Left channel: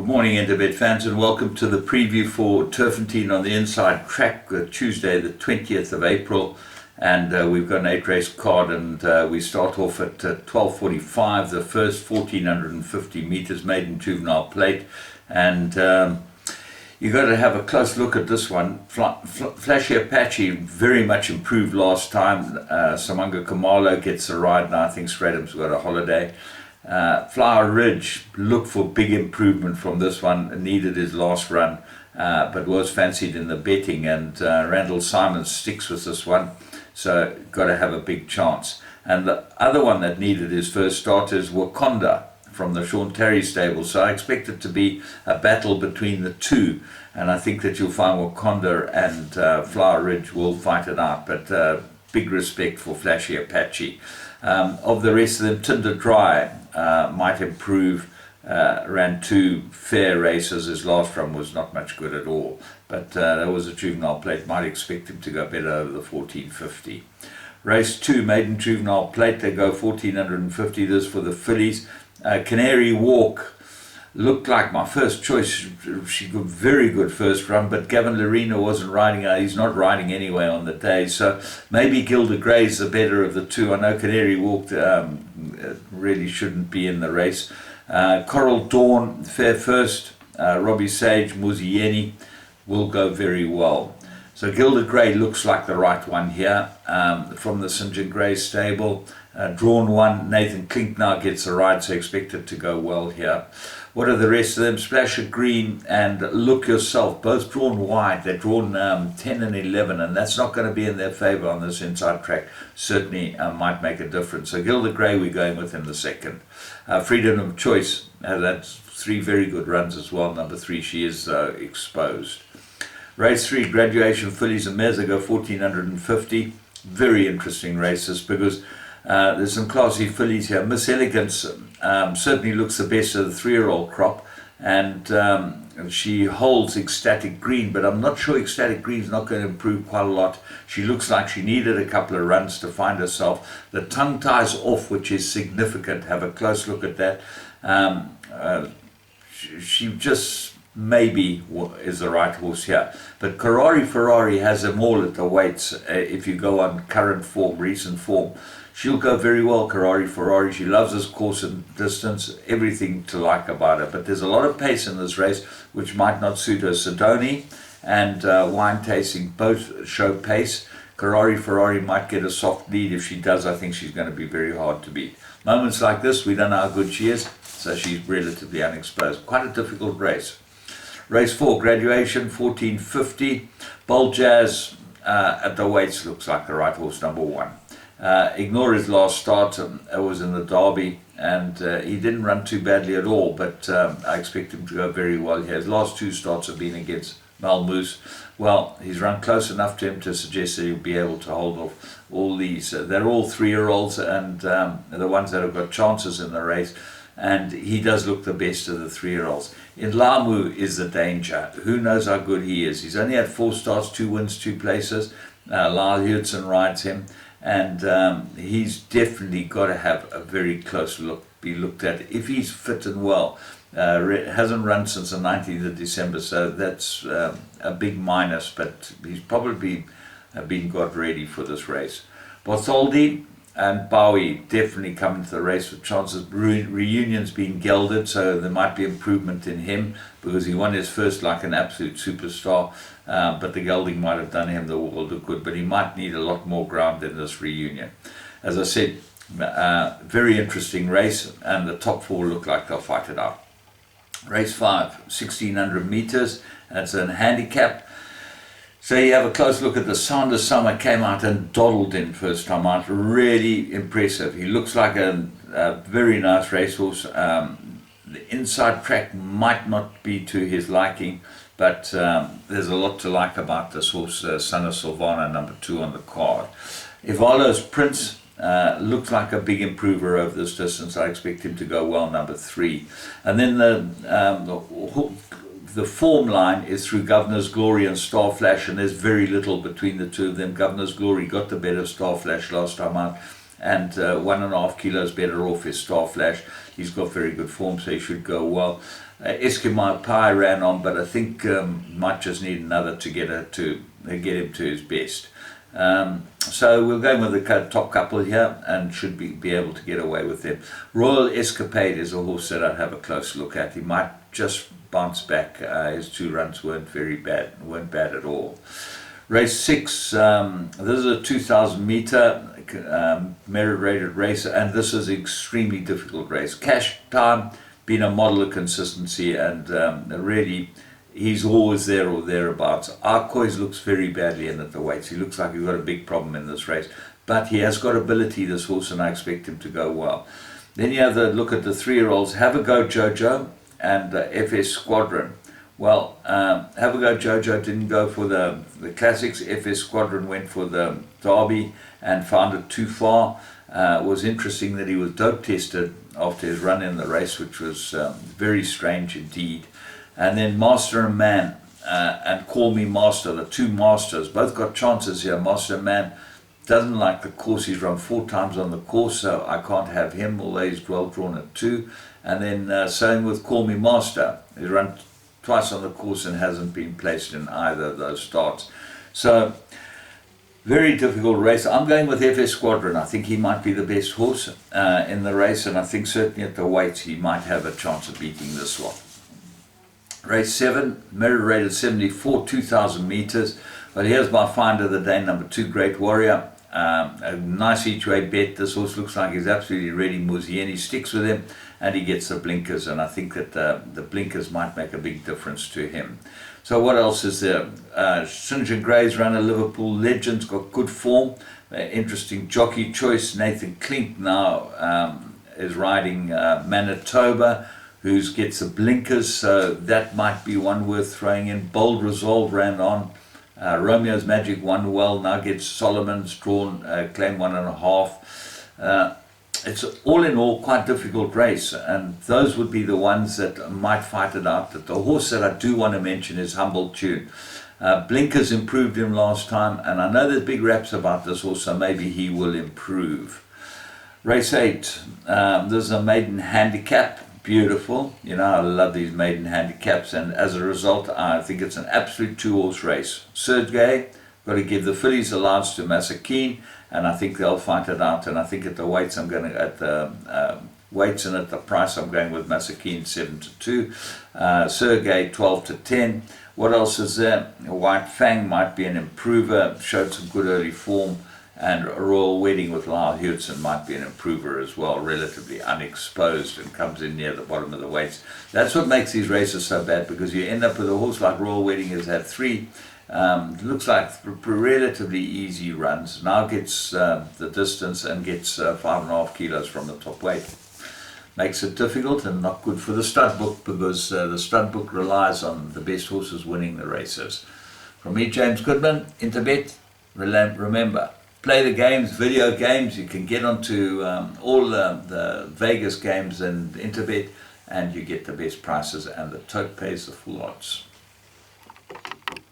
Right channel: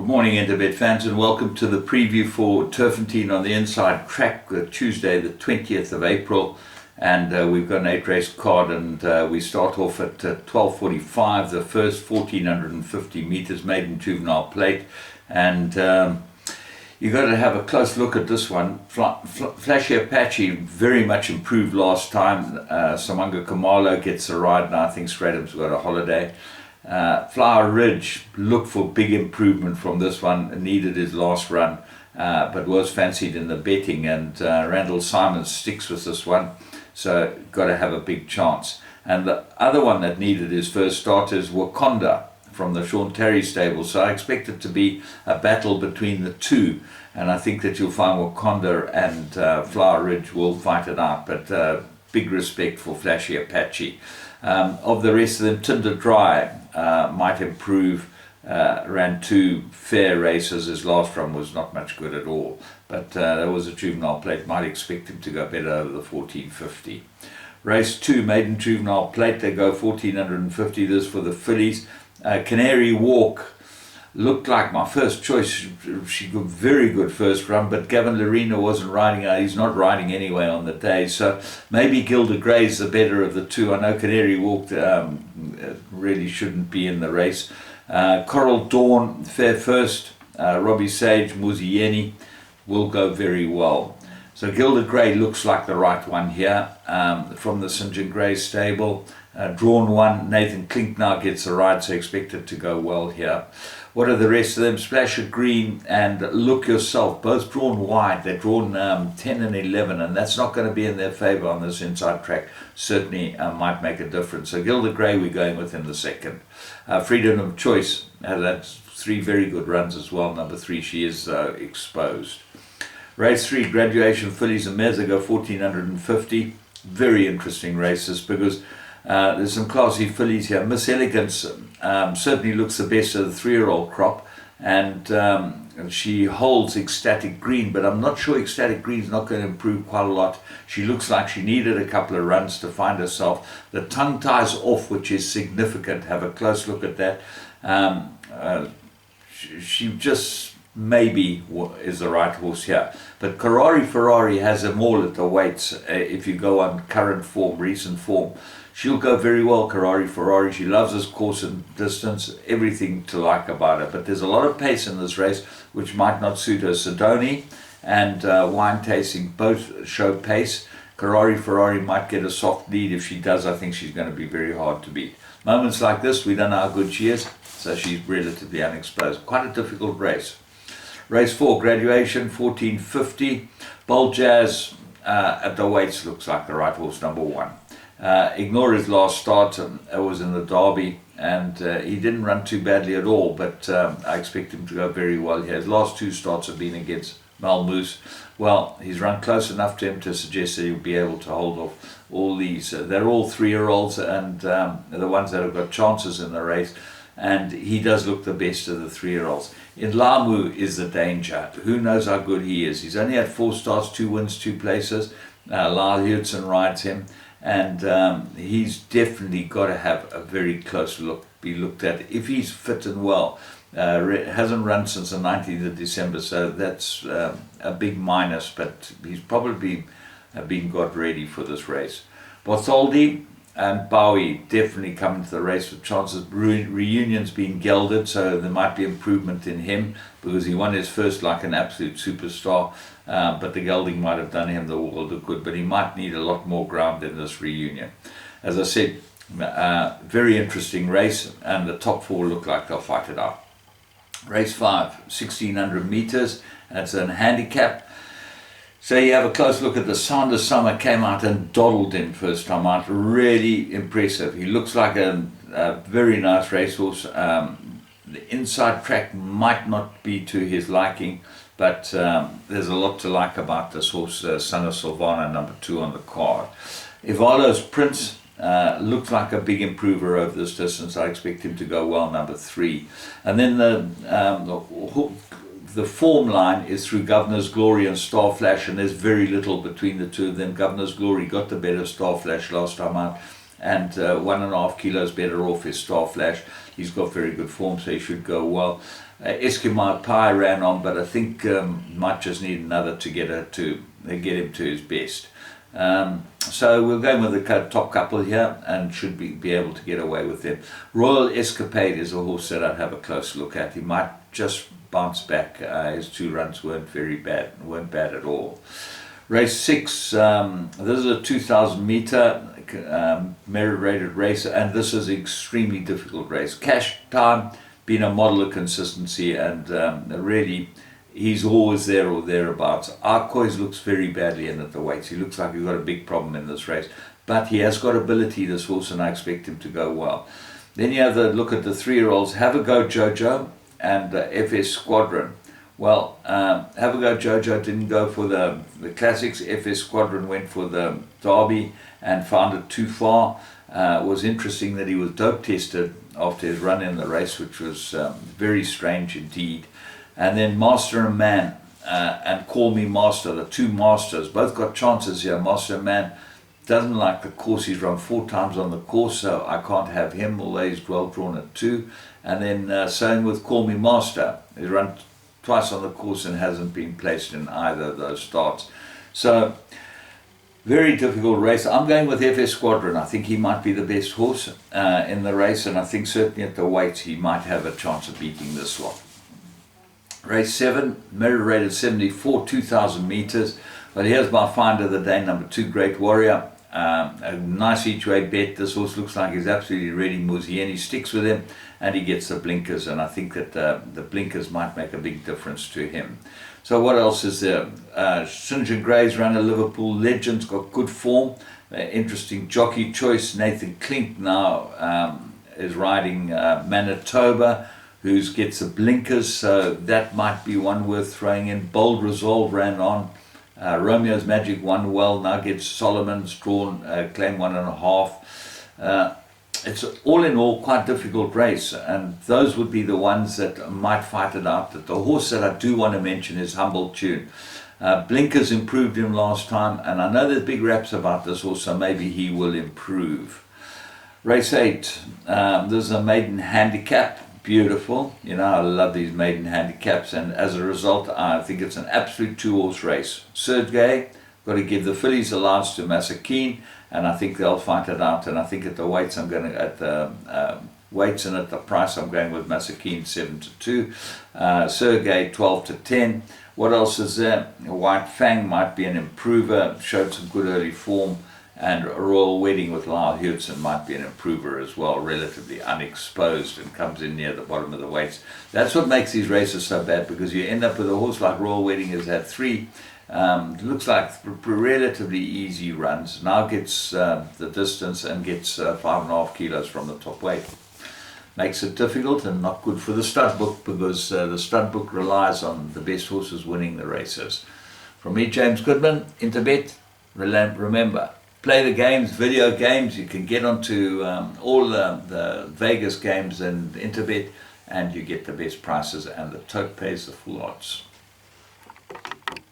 Good morning, Interbet fans, and welcome to the preview for Turffontein on the inside track, Tuesday, the 20th of April. And we've got an 8-race card, and we start off at 12:45, the first 1450 meters, maiden juvenile plate. And you've got to have a close look at this one. Flashy Apache very much improved last time. Samanga Kamalo gets a ride, and I think Stradham's got a holiday. Flower Ridge, look for big improvement from this one, needed his last run, but was fancied in the betting, and Randall Simons sticks with this one, so got to have a big chance. And the other one that needed his first start is Wakonda from the Sean Terry stable, so I expect it to be a battle between the two, and I think that you'll find Wakonda and Flower Ridge will fight it out, but big respect for Flashy Apache. Of the rest of them, Tinder Dry might improve, ran two fair races. His last run was not much good at all, but that was a juvenile plate, might expect him to go better over the 1450. Race 2, maiden juvenile plate, they go 1450, this for the fillies. Canary Walk looked like my first choice. She got very good first run, but Gavin Larena wasn't riding. He's not riding anyway on the day, so maybe Gilda Gray's the better of the two. I know Canary Walk really shouldn't be in the race. Coral Dawn, fair first. Robbie Sage, Muzieni will go very well. So Gilda Gray looks like the right one here, from the St. John Gray stable. Drawn one, Nathan Klink now gets a ride, so expect it to go well here. What are the rest of them? Splash of Green and Look Yourself, both drawn wide. They're drawn 10 and 11, and that's not going to be in their favour on this inside track. Certainly might make a difference. So Gilda Gray, we're going with in the second. Freedom of Choice has had three very good runs as well. Number 3, she is exposed. Race 3, Graduation Fillies and Mares, they go 1450. Very interesting races because there's some classy fillies here. Miss Elegance certainly looks the best of the 3-year-old crop, and she holds Ecstatic Green, but I'm not sure Ecstatic Green's not going to improve quite a lot. She looks like she needed a couple of runs to find herself. The tongue ties off, which is significant. Have a close look at that. She just maybe is the right horse here, but Karari Ferrari has them all at the weights. If you go on current form, recent form, she'll go very well. Karari Ferrari, she loves this course and distance, everything to like about her, but there's a lot of pace in this race which might not suit her. Sidoni and Wine Tasting both show pace. Karari Ferrari might get a soft lead. If she does, I think she's going to be very hard to beat. Moments like this, we don't know how good she is, so she's relatively unexposed. Quite a difficult race. Race 4, Graduation, 1450. Bold Jazz at the weights looks like the right horse, number 1. Ignore his last start, it was in the Derby, and he didn't run too badly at all, but I expect him to go very well here. His last 2 starts have been against Malmoose. Well, he's run close enough to him to suggest that he'll be able to hold off all these. They're all 3-year-olds, and the ones that have got chances in the race, and he does look the best of the 3-year-olds. In Lamu is the danger. Who knows how good he is? He's only had 4 starts, 2 wins, 2 places. Lyle Hudson rides him, and he's definitely got to have a very close look, be looked at. If he's fit and well, hasn't run since the 19th of December, so that's a big minus, but he's probably been got ready for this race. Bartholdi and Bowie definitely coming to the race with chances. Reunion's been gelded, so there might be improvement in him because he won his first like an absolute superstar, but the gelding might have done him the world of good, but he might need a lot more ground in this Reunion. As I said, very interesting race, and the top 4 look like they'll fight it out. Race 5, 1600 meters, that's a handicap. So you have a close look at the Sound of Summer, came out and doddled in first time out. Really impressive. He looks like a very nice racehorse. The inside track might not be to his liking, but there's a lot to like about this horse, Son of Silvana, number 2 on the card. Ivalo's Prince looks like a big improver over this distance. I expect him to go well, number 3. And then the form line is through Governor's Glory and Star Flash, and there's very little between the two of them. Governor's Glory got the better of Star Flash last time out, and 1.5 kilos better off is Star Flash. he's got very good form, so he should go well. Eskimo Pie ran on, but I think might just need another to get him to his best. So we'll go with the top couple here and should be able to get away with them. Royal Escapade is a horse that I'd have a close look at. He might just bounce back. His 2 runs weren't bad at all. Race 6, this is a 2,000 meter merit rated race, and this is an extremely difficult race. Cash Time been a model of consistency, and really he's always there or thereabouts. Arcois looks very badly in at the weights. He looks like he's got a big problem in this race, but he has got ability, this horse, and I expect him to go well. Then you have the look at the 3-year-olds, Have a Go Jojo and FS Squadron. Well, Have a Go Jojo didn't go for the classics. FS Squadron went for the Derby and found it too far. It was interesting that he was dope tested after his run in the race, which was very strange indeed. And then Master and Man and Call Me Master, the 2 masters, both got chances here. Master and Man doesn't like the course. He's run 4 times on the course, so I can't have him, although he's well drawn at 2. And then same with Call Me Master. He's run twice on the course and hasn't been placed in either of those starts. So, very difficult race. I'm going with FS Squadron. I think he might be the best horse in the race, and I think certainly at the weights he might have a chance of beating this one. Race 7, merit rated 74, 2,000 meters. But here's my find of the day, number 2, Great Warrior. A nice each-way bet. This horse looks like he's absolutely ready. Muzieni sticks with him, and he gets the blinkers, and I think that the blinkers might make a big difference to him. So what else is there? St. John Gray's runner, Liverpool Legends, got good form. Interesting jockey choice. Nathan Klink now is riding Manitoba, who gets the blinkers, so that might be one worth throwing in. Bold Resolve ran on. Romeo's Magic won well, now gets Solomon's drawn, claim 1.5. It's all in all quite difficult race, and those would be the ones that might fight it out. The horse that I do want to mention is Humble Tune. Blinkers improved him last time, and I know there's big raps about this horse, so maybe he will improve. Race 8, there's a maiden handicap. Beautiful. You know, I love these maiden handicaps, and as a result I think it's an absolute 2-horse race. Sergei got to give the fillies allowance to Masakine, and I think they'll fight it out, and I think at the weights I'm going to, at the weights and at the price, I'm going with Masakine 7-2, Sergei 12-10. What else is there? White Fang might be an improver, showed some good early form. And a Royal Wedding with Lyle Hewitson might be an improver as well, relatively unexposed, and comes in near the bottom of the weights. That's what makes these races so bad, because you end up with a horse like Royal Wedding has had 3, looks like relatively easy runs, now gets the distance and gets 5.5 kilos from the top weight. Makes it difficult and not good for the stud book, because the stud book relies on the best horses winning the races. From me, James Goodman, Interbet, remember, play the games, video games. You can get onto all the Vegas games and Interbet, and you get the best prices, and the tote pays the full odds.